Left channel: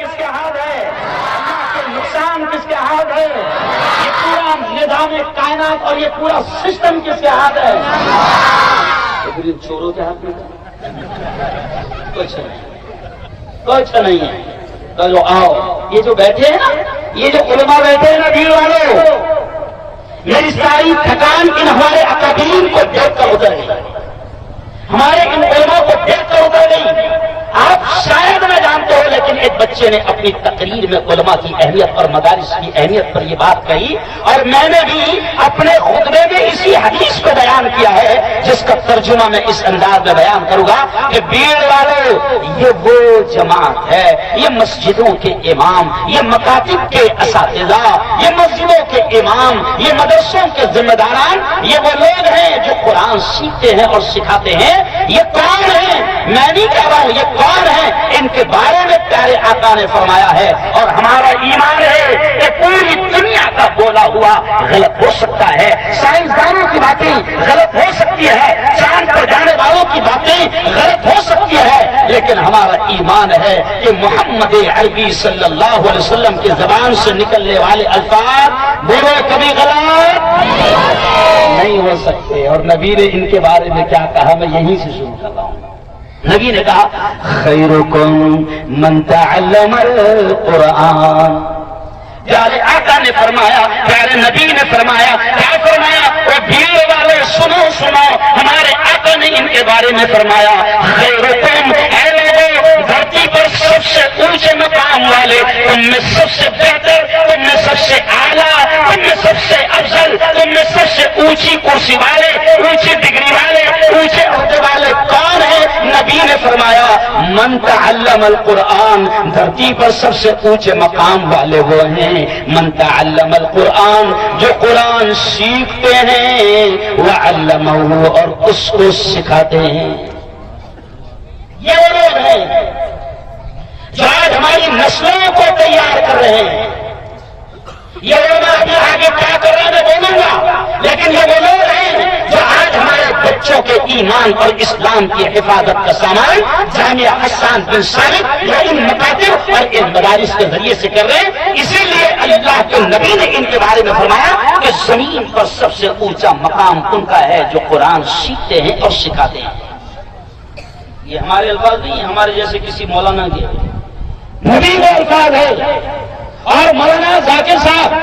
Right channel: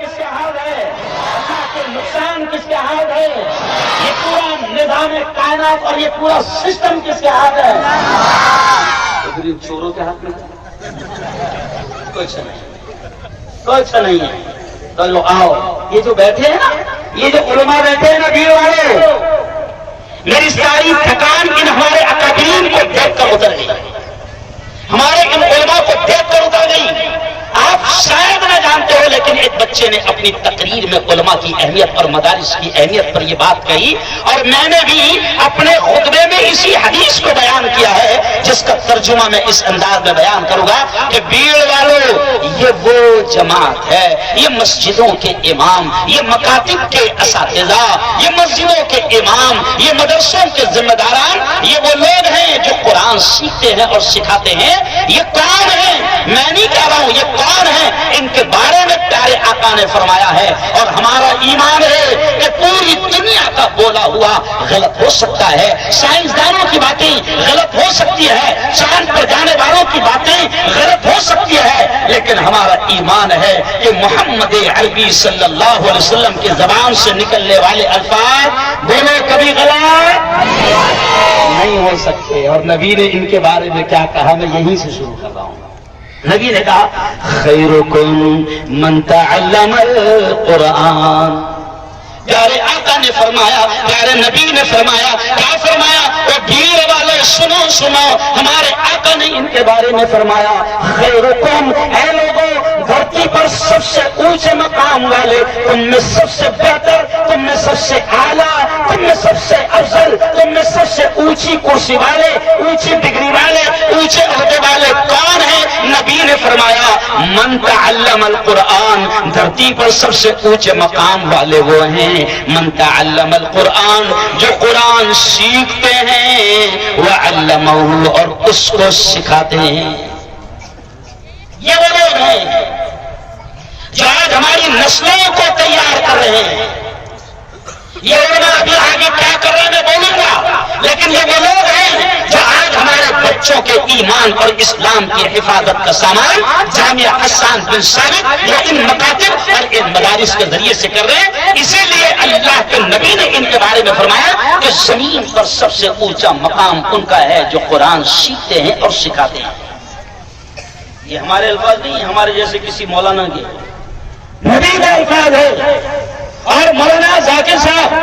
کس کے ہاتھ ہے؟ اللہ کے نقصان کس کے ہاتھ ہے؟ یہ پورا نظام کائنات اور یہ پورا سسٹم کس کے ہاتھ ہے؟ چوروں کے ہاتھ میں کچھ نہیں ہے. تو لو آؤ، یہ جو بیٹھے ہیں نا، یہ جو علماء بیٹھے ہیں نا بھیڑ والے، میری ساری تھکان ان ہمارے اکابرین کو دیکھ کر اتر گئی، ہمارے ان علماء کو دیکھ کر اتر گئی. آپ شاید نہ جانتے ہو لیکن ایک بچے نے اپنی تقریر میں علماء کی اہمیت اور مدارس کی اہمیت پر یہ بات کہی، اور میں نے بھی اپنے خطبے میں اسی حدیث کو بیان کیا ہے جس کا ترجمہ میں اس انداز میں بیان کروں گا کہ بھیڑ والوں، یہ وہ جماعت ہے، یہ مسجدوں کے امام، یہ مکاتب کے اساتذہ، یہ مسجدوں کے امام، یہ مدرسوں کے ذمہ داران، یہ وہ لوگ ہیں جو قرآن سیکھتے ہیں اور سکھاتے ہیں. یہ کون ہیں؟ میں نہیں کہہ رہا ہوں یہ کون ہیں، ان کے بارے میں پیارے آقا نے فرمایا ہے. اور ہمارا ایمان ہے کہ پوری دنیا کا بولا ہوا غلط ہو سکتا ہے، سائنسدانوں کی باتیں غلط ہو سکتی ہے، چاند پر جانے والوں کی باتیں غلط ہو سکتی ہے، لیکن ہمارا ایمان ہے کہ محمد عربی صلی اللہ علیہ وسلم کی زبان سے نکلنے والے الفاظ بولو کبھی غلط نہیں ہو سکتے. اور نبی نے ان کے بارے میں کیا کہا، میں یہیں سے شروع کر رہا ہوں. نبی نے کہا خیرکم من تعلم القرآن. پیارے آقا نے فرمایا، پیارے نبی نے فرمایا، کیا فرمایا؟ وہ بھیڑ والے سنو سنو، ہمارے آقا نے ان کے بارے میں فرمایا خیرکم، اے لوگوں، دھرتی پر سب سے اونچے مقام والے، تم میں سب سے بہتر، تم میں سب سے اعلیٰ، تم میں سب سے افضل، تم میں سب سے اونچی کرسی والے، اونچی ڈگری والے، اونچے عہدے والے کون ہیں؟ نبی نے فرمایا من تعلم القرآن، دھرتی پر سب سے اونچے مقام والے وہ ہیں من تعلم القرآن، جو قرآن سیکھتے ہیں وعلمہ، اور اس کو سکھاتے ہیں. یہ وہ لوگ ہیں جو آج ہماری نسلوں کو تیار کر رہے ہیں. یہ علماء ابھی آگے کیا کر رہے ہیں میں بولوں گا، لیکن یہ وہ لوگ ہیں جو آج ہمارے بچوں کے ایمان اور اسلام کی حفاظت کا سامان جامعہ حسان بن ثابت یا ان مکاتب اور ان مدارس کے ذریعے سے کر رہے ہیں. اسی لیے اللہ کے نبی نے ان کے بارے میں فرمایا کہ زمین پر سب سے اونچا مقام ان کا ہے جو قرآن سیکھتے ہیں اور سکھاتے ہیں. یہ ہمارے الفاظ نہیں، ہمارے جیسے کسی مولانا کے، نبی کا الفاظ ہے. اور مولانا ذاکر صاحب،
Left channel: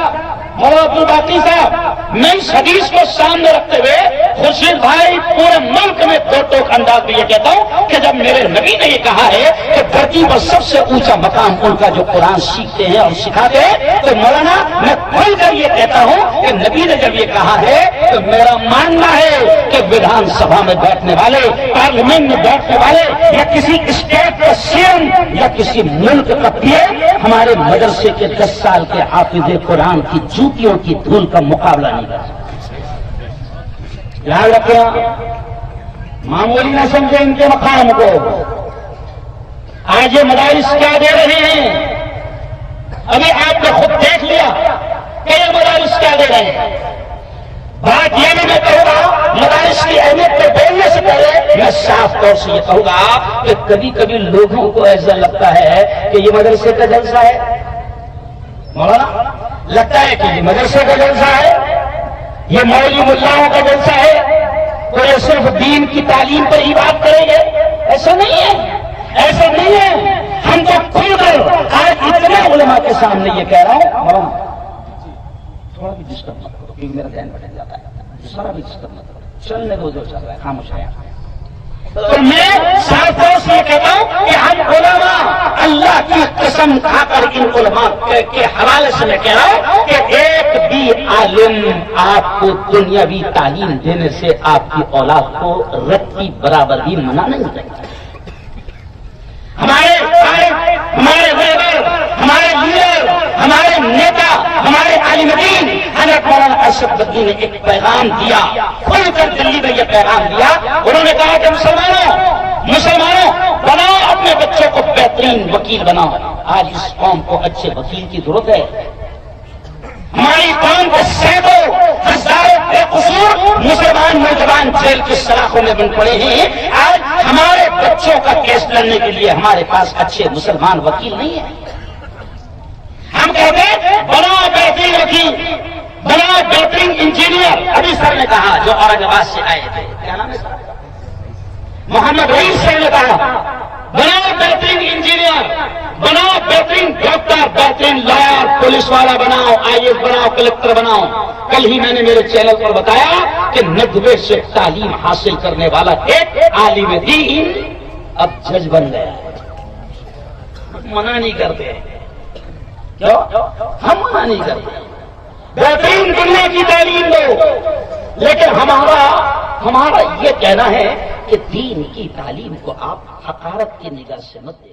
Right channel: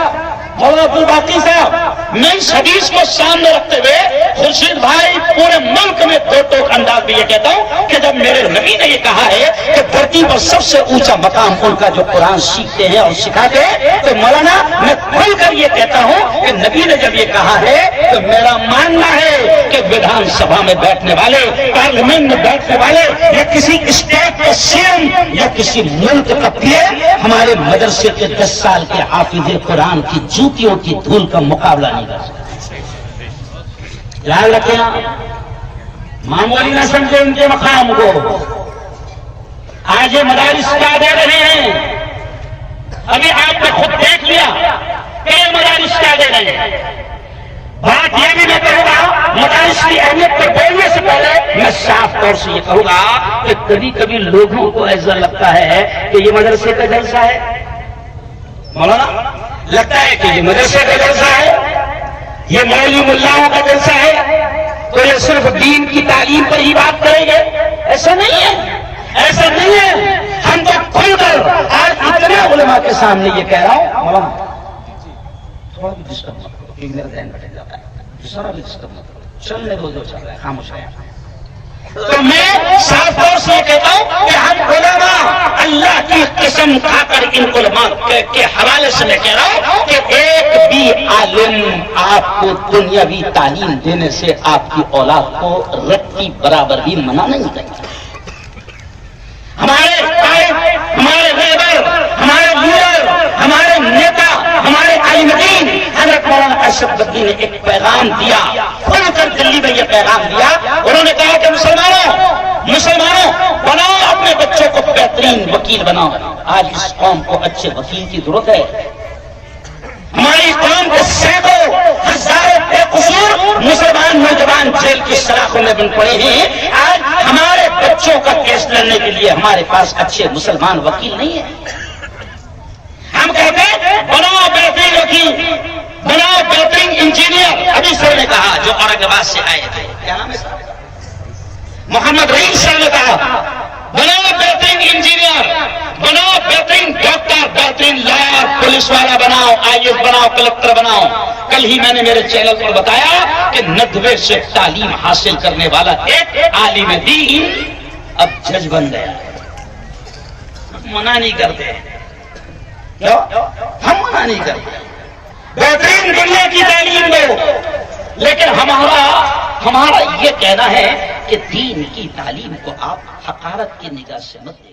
مولانا عبدالباقی صاحب، میں اس حدیث کو سامنے رکھتے ہوئے خورشید بھائی پورے ملک میں دو ٹوک انداز میں یہ کہتا ہوں کہ جب میرے نبی نے یہ کہا ہے کہ دھرتی پر سب سے اونچا مقام ان کا جو قرآن سیکھتے ہیں اور سکھاتے ہیں، تو مولانا میں کھل کر یہ کہتا ہوں کہ نبی نے جب یہ کہا ہے تو میرا ماننا ہے کہ ودھان سبھا میں بیٹھنے والے، پارلیمنٹ میں بیٹھنے والے، یا کسی اسٹیٹ کا سی ایم یا کسی ملک کا پی ایم ہمارے مدرسے کے 10 سال کے حافظ قرآن کی جوتیوں کی دھول کا مقابلہ نہیں کر سکتے. یاد رکھیں، معمولی نہ سمجھے ان کے مقام کو. آج یہ مدارس کیا دے رہے ہیں، ابھی آج میں خود دیکھ لیا کہ یہ مدارس کیا دے رہے ہیں. بات یہ بھی میں کہوں گا، مدارس کی اہمیت کو بولنے سے پہلے میں صاف طور سے یہ کہوں گا کہ کبھی کبھی لوگوں کو ایسا لگتا ہے کہ یہ مدرسے کا جلسہ ہے. مولانا لگتا ہے کہ یہ مدرسے کا جلسہ ہے، یہ مولوی ملاؤں کا جلسہ ہے، تو یہ صرف دین کی تعلیم پر ہی بات کریں گے. ایسا نہیں ہے، ایسا نہیں ہے. ہم تو کھل کر آج اتنے علماء کے سامنے یہ کہہ رہا ہوں. مولانا تھوڑا بھی ڈسٹرب مت کرو کیونکہ میرا ذہن بٹھ جاتا ہے، ذرا بھی ڈسٹرب مت کرو، چلنے دو جو چل رہا ہے، خاموش ہے. تو میں صاف طور سے کہتا ہوں کہ ہم علماء، اللہ کی قسم کھا کر ان علماء کے حوالے سے میں کہہ رہا ہوں کہ ایک بھی عالم آپ کو دنیاوی تعلیم دینے سے آپ کی اولاد کو رتی برابر بھی منع نہیں کرے. ہمارے ہمارے لیڈر، ہمارے لیڈر، ہمارے نیتا، ہمارے عالم دین حضرت مولانا ارشد بدوی نے ایک پیغام دیا، کھل کر دلی میں یہ پیغام دیا. انہوں نے کہا کہ مسلمانوں بناؤ اپنے بچوں کو بہترین وکیل بناؤ. آج اس قوم کو اچھے وکیل کی ضرورت ہے. ہماری قوم کے سینکڑوں ہزاروں بے قصور مسلمان نوجوان جیل کی سلاخوں میں بن پڑے ہیں. آج ہمارے بچوں کا کیس لڑنے کے لیے ہمارے پاس اچھے مسلمان وکیل نہیں ہیں. ہم کہتے ہیں بناؤ بہترین وکیل، بناؤ بہترین انجینئر. ابھی سر نے کہا جو اورنگ آباد سے آئے تھے، کیا نام ہے سر؟ محمد رئیس سر نے کہا بناؤ بہترین انجینئر، بناؤ بہترین ڈاکٹر، بہترین لائر، پولیس والا بناؤ، آئی ایس بناؤ، کلکٹر بناؤ. کل ہی میں نے میرے چینل پر بتایا کہ 90 سے تعلیم حاصل کرنے والا ایک عالم دین اب جج بن گیا ہے. منع نہیں کرتے، کیوں؟ ہم منع نہیں کرتے. بہترین دنیا کی تعلیم دو، لیکن ہمارا یہ کہنا ہے کہ دین کی تعلیم کو آپ حقارت کی نگاہ سے مت دیکھیں.